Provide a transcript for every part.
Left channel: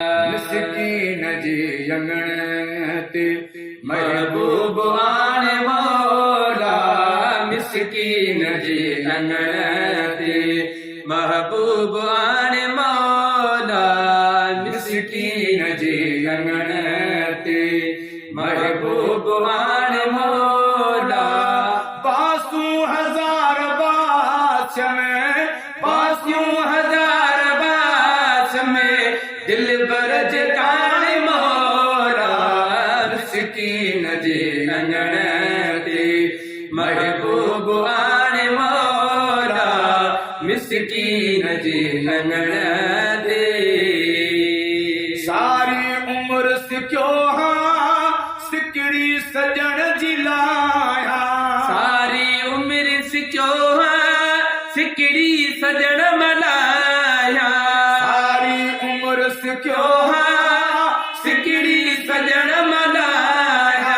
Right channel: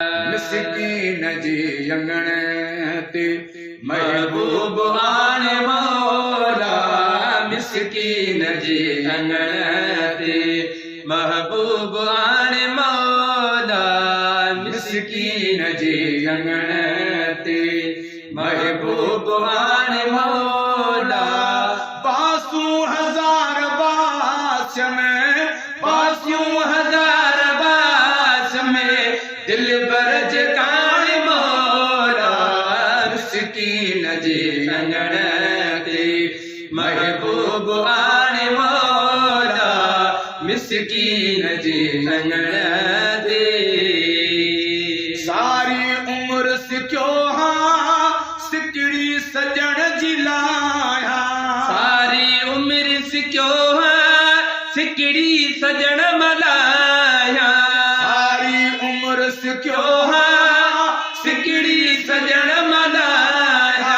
मिस्कीन जी अंगण ते महबूब आने मौला। मिस्कीन जी अंगण ते महबूब आने मौला। मिस्कीन जी अंगण ते महबूब आने मौला। 5,000 बास में 5,000 बास में दिल बरज काने मौला। मिस्कीन जी अंगण ते महबूब आने मौला। मिस्कीन जी अंगण ते सारी उम्र सिक्यो हाँ सिकड़ी सजण जी लाया। सारी उम्र सिक्यो हाँ सिकड़ी सजण मलाया। सारी उम्र सिक्यो हाँ सिकड़ी सजण मलाया।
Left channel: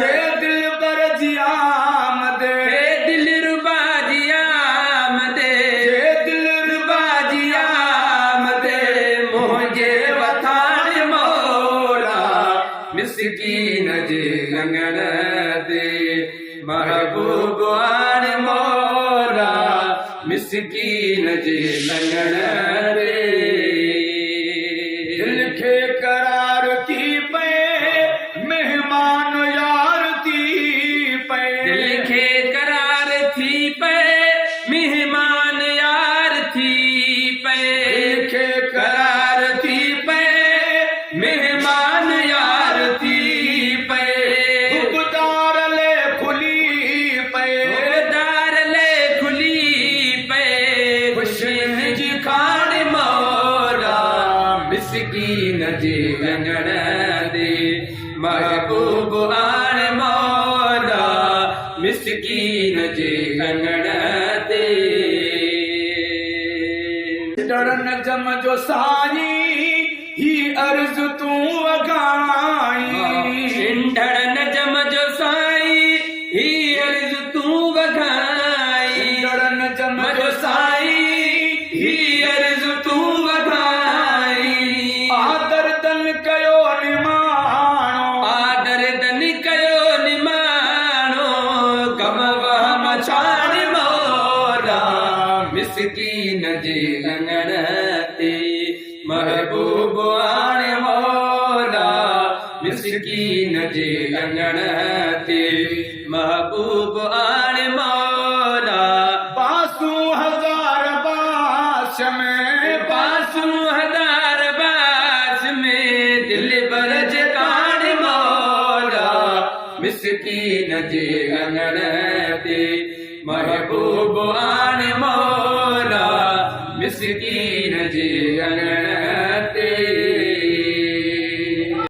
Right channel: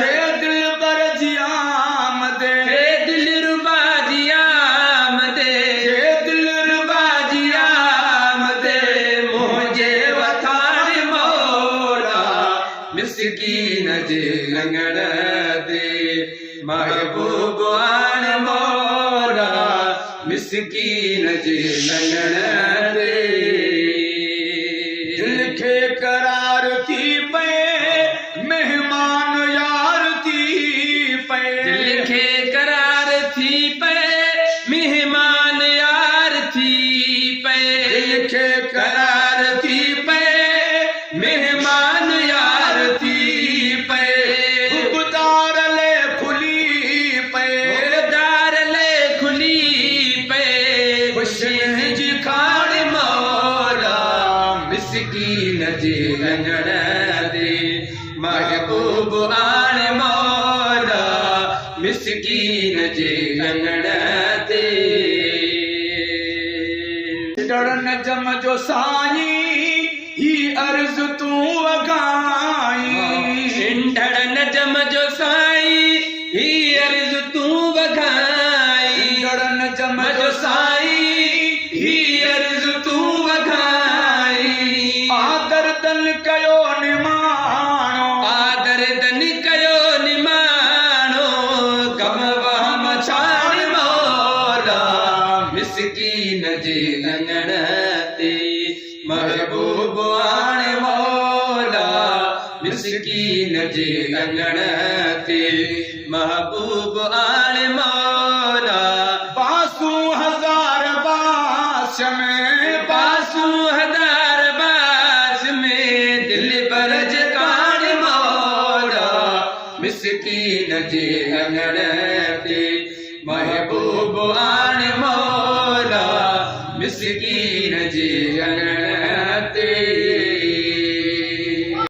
थे दिल बर जी आमदे थे दिल रुबा जी आमदे थे दिल रुबा जी आमदे मुझे वथान मौला। मिस्कीन जी अंगण ते महबूब आने मौला। मिस्कीन जी अंगण ते दिल खे करार थी पे मेहमान यार थी पे। दिल खे करार थी पे मेहमान यार थी पे। दिल खे करार थी पे मेहमान यार थी पे। हुकदार ले खुली पे हुकदार ले खुली पे। खुशन जी खान मौला। मिस्कीन जी अंगण ते महबूब आने मौला। मिस्कीन जी अंगण ते डरन जम जो साईं ही अर्ज तू वगाई। डरन जम जो साईं ही अर्ज तू वगाई। डरन जम जो साईं ही अर्ज तू वगाई। आदर दन कयो निमाणो आदर दन कयो निमाणो। गम वहम छाड़ मौला। मिस्कीन जी अंगण ते महबूब आने मौला। मिस्कीन जी अंगण ते महबूब आने मौला। 5,000 बास में 5,000 बास में दिल बरज काने मौला। मिस्कीन जी अंगण ते महबूब आने मौला। मिस्कीन जी अंगण ते